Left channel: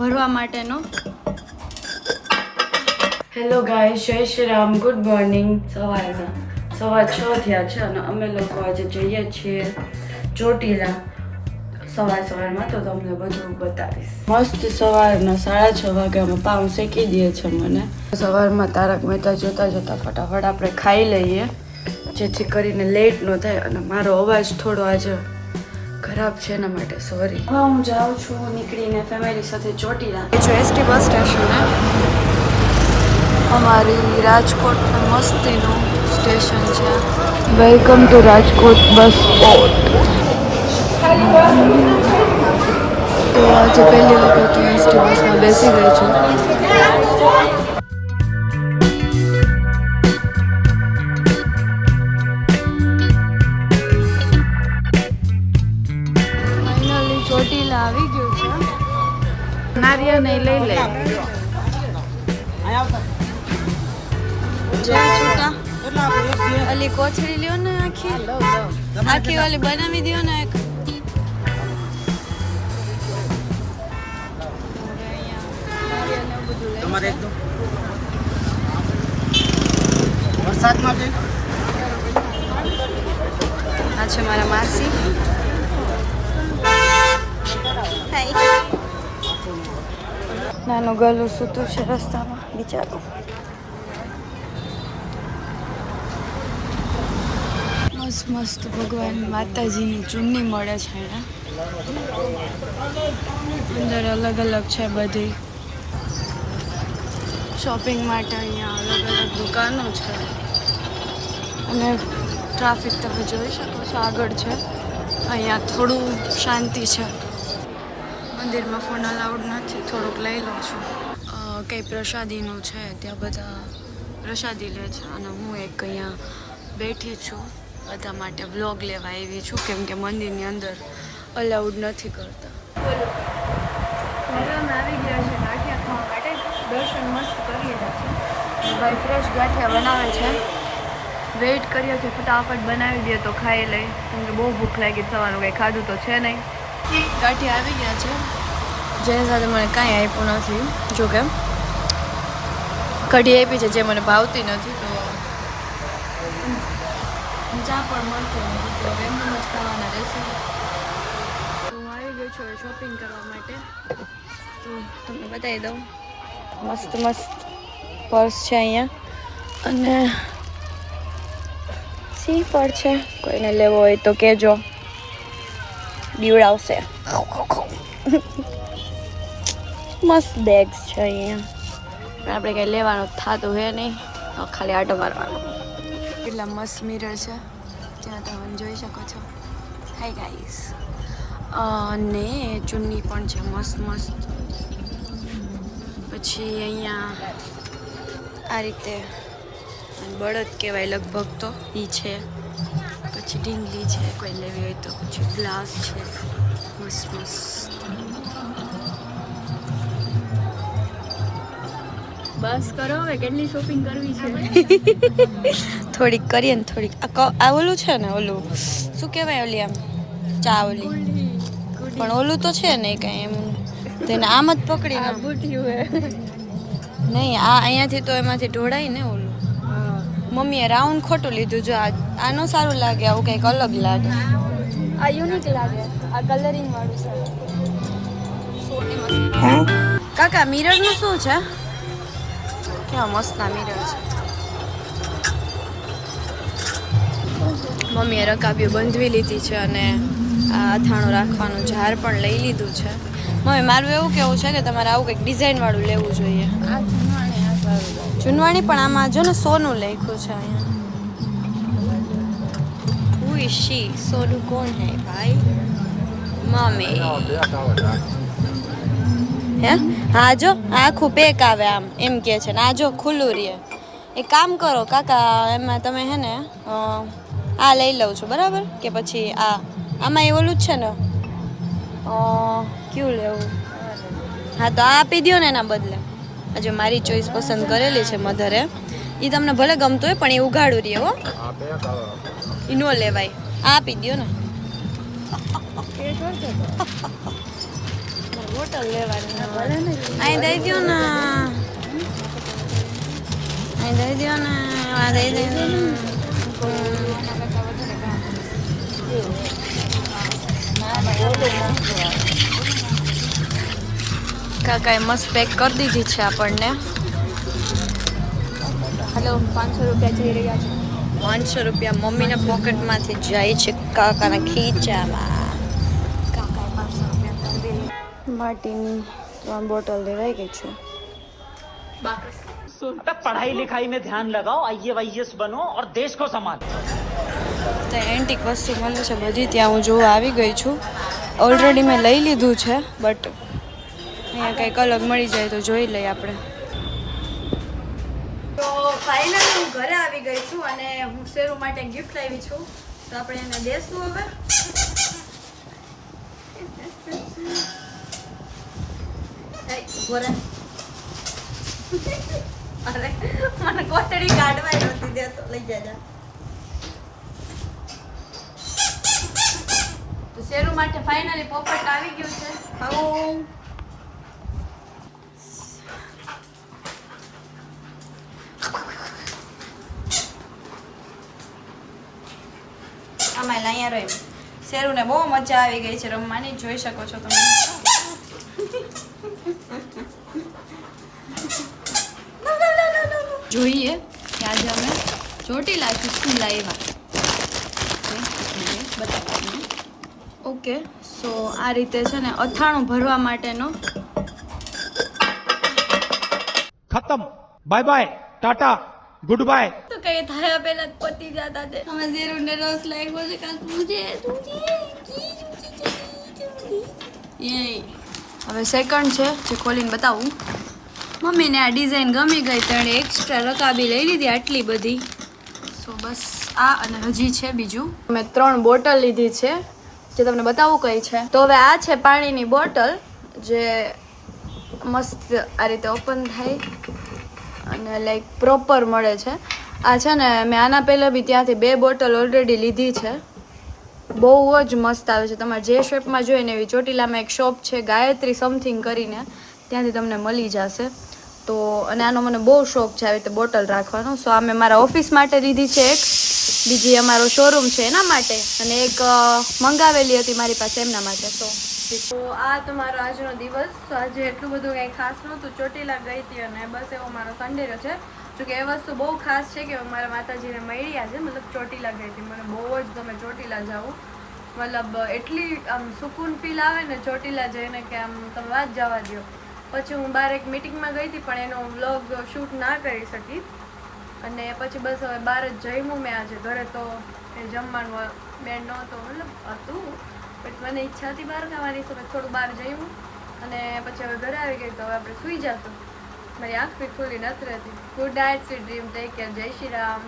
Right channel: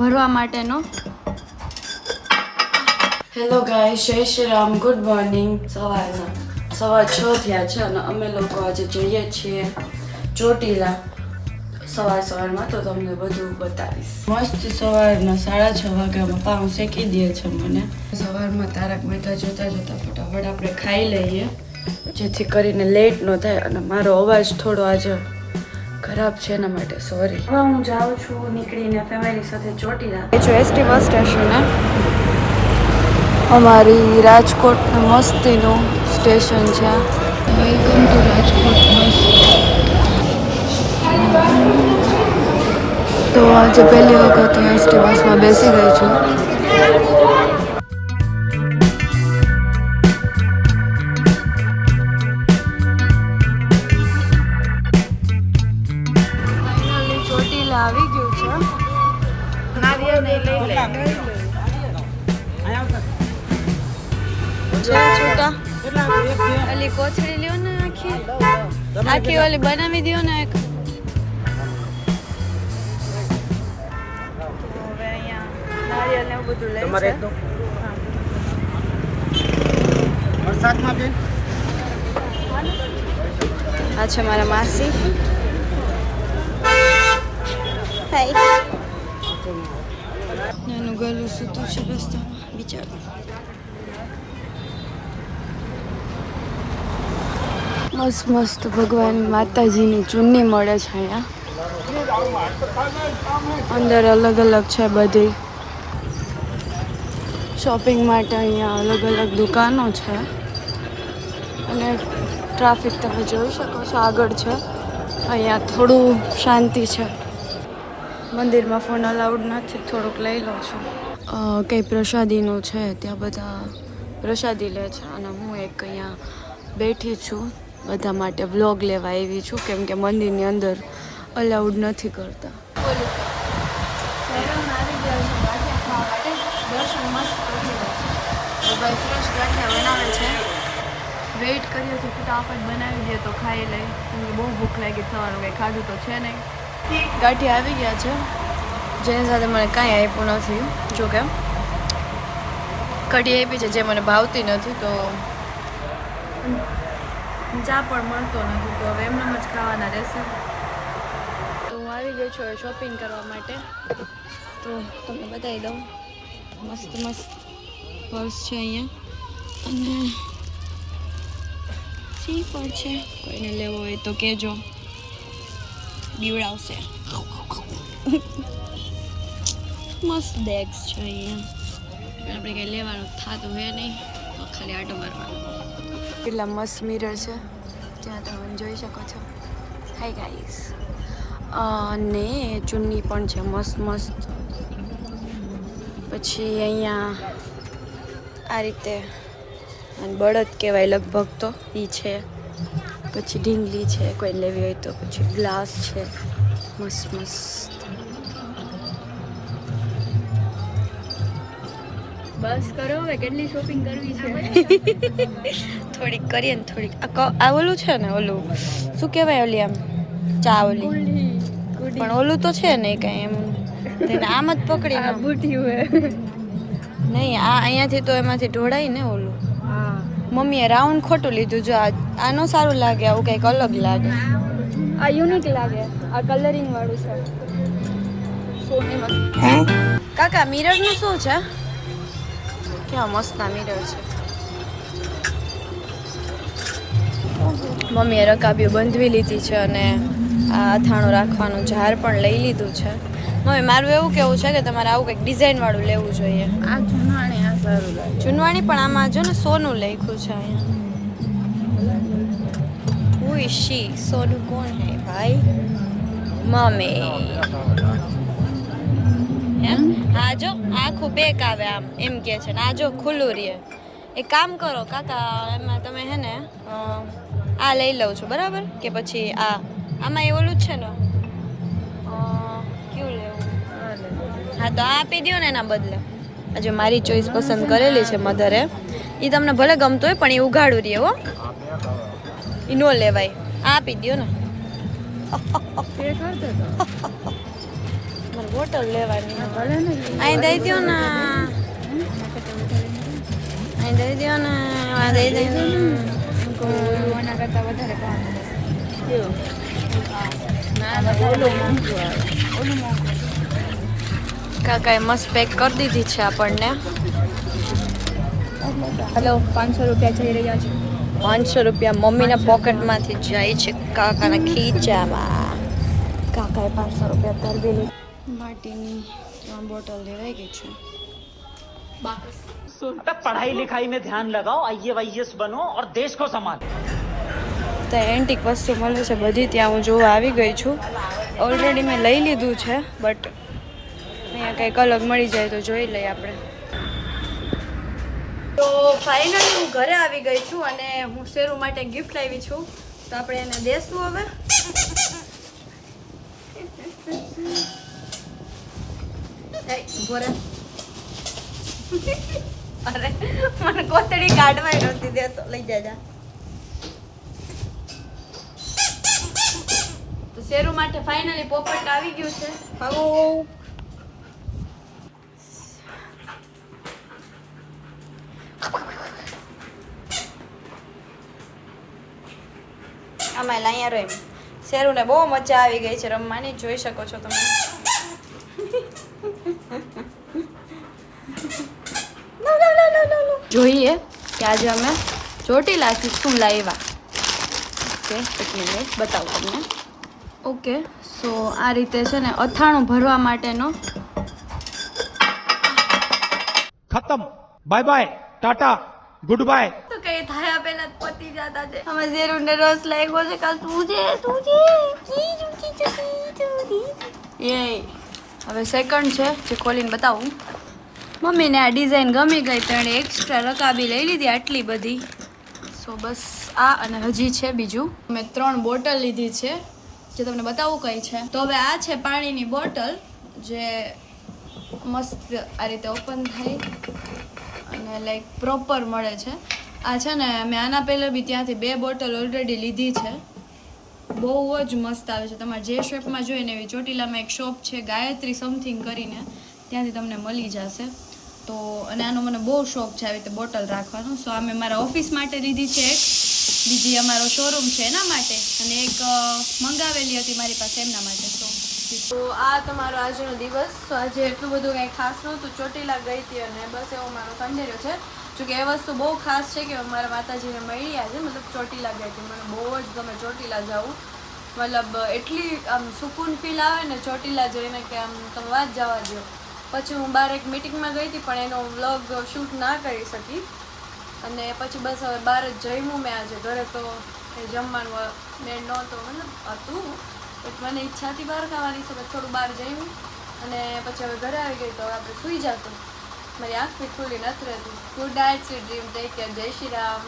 ભરવા માટેનો. Hello guys, જય શ્રી રામ, ગુડ મોર્નિંગ. સવા 6 થયા છે અને અમે લોકો આજે જઈએ છીએ ચોટીલા સવારમાં, તો તમને બધું બતાવીશ. મસ્ત સવારના 6:30 વાગ્યામાં પાઉં શેકી દે છે મને. સવારમાં તારક મહેતા જોતા ફટાફટ આપણે ખાઈ લઈએ, જેથી કરીને લેટ ન થાય. અને મારો અવાજ થોડો આજે ખરાબ છે એના માટે સોરી. હવે હું જાઉં છું નીકળીને ફેમિલી સાથે ચોટીલા. એ જો એસટી બસ સ્ટેશન અમારી રાજકોટનું મસ્તીનું સ્ટેશન છે. Welcome to Rajkot bus stop. Finally Chotila આવી ગયું છે. નારિયેળ લઈ લે. છૂટા અલી કોથળી લ્યો ને આખી ઓલી બનાવી દો ને એક. હવે અહીંયા નારિયેળ ને એવું બધું લઈ છે. વરસાદ માટે આ છે મારા માસી. હાય. નાનું ગલું સૂતું છે રસ્તામાં બિચારું. મસ્ત મસ્ત ભગવાન માતાજીની ચૂનની મળે છે અહીંયા. અંદર અલગ અલગ છે બધી શોપિંગ માટે. અહીંયા અલગ અલગ દુકાનો છે અને ટ્રાફિક તમે જોઈ શકો છો આગળ છે. અહીંયા થોડું શાંતિ છે. મંદિરમાં ફોન અલાઉડ નથી. થોડુંક લઈ લઉં છું. કંઈ પ્રસાદીનું છે ત્યાં બધા પ્રસાદી લે છે અને હું એક અહીંયા બેઠી છું બધા માટે વ્લોગ લેવા આવી છું, કેમ કે મંદિરની અંદર અલાઉડ નથી કરતા. હવે અમે આવી ગયા છે ગાંઠિયા ખાવા માટે. દર્શન મસ્ત કરી રહ્યા છે. ભાઈ ફ્રેશ ગાંઠિયા બનાવે છે. વેઇટ કરીએ છીએ ફટાફટ બનાવી દે તો ખાઈ લઈ, કેમ કે બહુ ભૂખ લાગી. સવારનું કંઈ ખાધું તો છે નહીં. ગાંઠિયા આવી ગયા છે, જેની સાથે મને કાંઈ આપ્યું નથી. જો કે કઢી આપી છે જે મને ભાવતી નથી, તો ચા પણ મળતો નથી, તો હવે એમનેમ જ ખાવાના રહેશે. તો હું આવી ગઈ છું શોપિંગ કરવા માટે. તો તમને બતાવી દઉં, મસ્ત મસ્ત પર્સ છે અહીંયા અને સી પર છે. કોઈને લેવો હોય તો કહેજો, બીવડાવશે. મસ્ત બેગ્સ છે અહીંયા, પણ આપણે કંઈ લેવાનું થતું હે નહીં, ખાલી આટો મારવાનો. કેટલા મસ્ત મિરર છે ત્યાં તમે જોઈ શકો છો. Hi guys. અને ચુન્ની પણ છે મસ્ત મસ્ત. પછી અહીંયા આ રીતે બળદ કહેવાય લગભગ, તો એ છે. પછી ઢીંગલી છે કોઈ લેવી હોય તો. પછી ગ્લાસ છે મસ્ત મસ્ત. બસ કરો હવે, કેટલી શોપિંગ કરવી છે. થોડીક કરીએ ને થોડીક. આ ઓલું છે ને, ઓલું શું કહેવાય, ઓલી આમ ચા ઓલી, પણ ઓલું તો છે નહીં કાંઈ એમ. તેને આમ જ પકડી ના નહીં. આ અહીંયાથી તો એમાંથી ઢોળાય ને ઓલું. મમ્મીએ રાઉન્ડ ખોટું લીધું. જો આ નો સારું લાગે, આવું કંઈક અલગ લાગે. આ યુનિક લાગે, આ કલરિંગ વાળું છે. કાકા મિરરનું શું છે? કેવા મસ્તના મિરર છે. મમ્મીએ રકાબીઓ બંધવી લીધી છે અને આ અથાણું રાખવાનું જાર પણ લઈ લીધું છે. મમ્મી મારું એવું કેવું છે કે તમારે આવું કંઈક ડિઝાઇન વાળું લેવું જોઈએ. જૂનવાણી પણ આમાં જો ને સોનું લખ્યું છે અહીંયા. Who is she? સોનું કોણ હે ભાઈ? મમ્મી હે? હા જો આખું પેક આવે આમ, એમ કે છે ને. આ જો ખુલ્લું રહે. એક કામ કરો કાકા, એમાં તમે હે ને આ લઈ લઉં છું બરાબર, કે પછી આમાં એ ઓલું જ છે ને, કયું લેવું? હા તો આ આપી દો ને એના બદલે. આજે મારી ચોઈસ પસંદ કરેલી છે મધરે. એ તમને ભલે ગમતું હોય પણ એ ઉઘાડું રહે હો, એ ન લેવાય. આ આપી દો ને. મારા બોટલ લેવાની અહીં દઈ દો ને અહીં દઈ દો ને આ દઈ દે કાકાએ મસ્ત પેક કરી દીધી છે આપણને. હલો 500 રૂપિયા જઈ રહ્યા છે. 500 રૂપિયા મમ્મીના પોકેટમાંથી જાય છે કાકાના ખીચામાં. કાકાએ 500 રૂપિયા કરી દીધી. માટીની 3 બોટલ લેવાઈ ગઈ છે. पढ़ाई लिखाई में ध्यान लगाओ, IAS बनो और देश को संभालो. ત્યાં એન્ટિક વસ્તુ મળે છે બધી, ત્યાં હું જોવા આવી ગઈ છું. ઓલરેડી મેં લઈ લીધું છે, બટ અહીંયા કંઈક અલગ મળી જાય તો જોઈ લઈએ આપણે. તો ફાઇનલી હું ઘરે આવી ગઈ છું અને હું શેરુ માટે ગિફ્ટ લાવી છું. તો આપણે એને દેશું હવે. ઉભો રહે. અરે મને કોતડી કાઢવાય નહોતી દેતો, લઈ જાજા. તો શેરુ માટે ફાઇનલી પોપટ આવી ગયું છે. આમાં અહીંયા રહી શેરુને બહુ મજા આવી ગઈ છે રમવાની, જોઈ શકો છો તમે. જોઈએ કે આજે અમે ચોટીલાથી શું લાવ્યા. બતાવું. ઓકે, સો આ રીતે છે ને અથાણું ભરવા માટેનો. खत्म, bye bye, tata, good bye. તો કઈ થાય પહેલા જ પતી જતા છે. અમે શેરુને રસ લાગ્યો છે કાલ તુજે એ હવે સેકન્ડ છે જે ખોલીને બતાવું. મમ્મીને આ ડિઝાઇન ગમી ગઈ તો એણે એક્સ્ટ્રા રકાબી લઈ લીધી આટલી બધી. સો બસ આ અને હજી છે બીજું. મેં 3 બોટલ લીધી છે જે તમને બતાવું કઈ છે. તો હવે આ છે પાણીની બોટલ જે મસ્ત આ રીતે ઓપન થાય અને લાઈક પ્રોપર મળે છે. આ છે ને મેં આના પહેલાં બી ત્યાંથી 2 બોટલ ઓલરેડી લીધી છે. બહુ જ મસ્ત આવે છે. તમારે જે શેપમાં જોઈએ ને એવી. ચોટીલામાં એક શોપ છે ગાયત્રી સમથિંગ કરીને, ત્યાંથી તમને મળી જશે. તો અને આનો મને બહુ શોખ છે આવી રીતે બોટલ રાખવાનો. સો આ મેં મારા ઓફિસ માટે લીધી છે એક, બીજી અમારો શોરૂમ છે એના માટે, અને એક મંગાવેલી હતી મારી પાસે એમના માટે. તો આ તમારો આજનો દિવસ. તો આજે એટલું બધું કંઈ ખાસ નહોતું. ચોટીલા ગઈ હતી અને બસ એવો મારો સન્ડે રહ્યો છે. જોકે એ વસ્તુ બહુ ખાસ છે કે મારા માતાજીને મળી આજે, મતલબ ચોટીલા ગઈ હતી. મને બહુ જ ગમે ચોટીલા જવું, મતલબ એટલી આમ સુકૂન ફીલ આવે ને ચોટીલા જઈને કે આમ તમે વાત જવા દો. પછી હું બહાર એક મિટિંગમાં ગઈ હતી પણ એનો વ્લોગ શૂટ ના કરી શકી, અને પછી બસ હવે બહાર જ જમ્યું મેં આજે. ઘરે તો એ જમવાનું મેં નહોતો, મતલબ હતું બટ મને ઈચ્છા હતી બહાર ખાવાની, તો થોડું બહાર જમ્યું અને પછી હવે ઘરે આવી ગઈ. તો હવે આપણે સૂઈ જશું. મારી આંખ બી ખુલ્લી નથી રહેતી. Good night, sweet dream, take care, જય શ્રી રામ.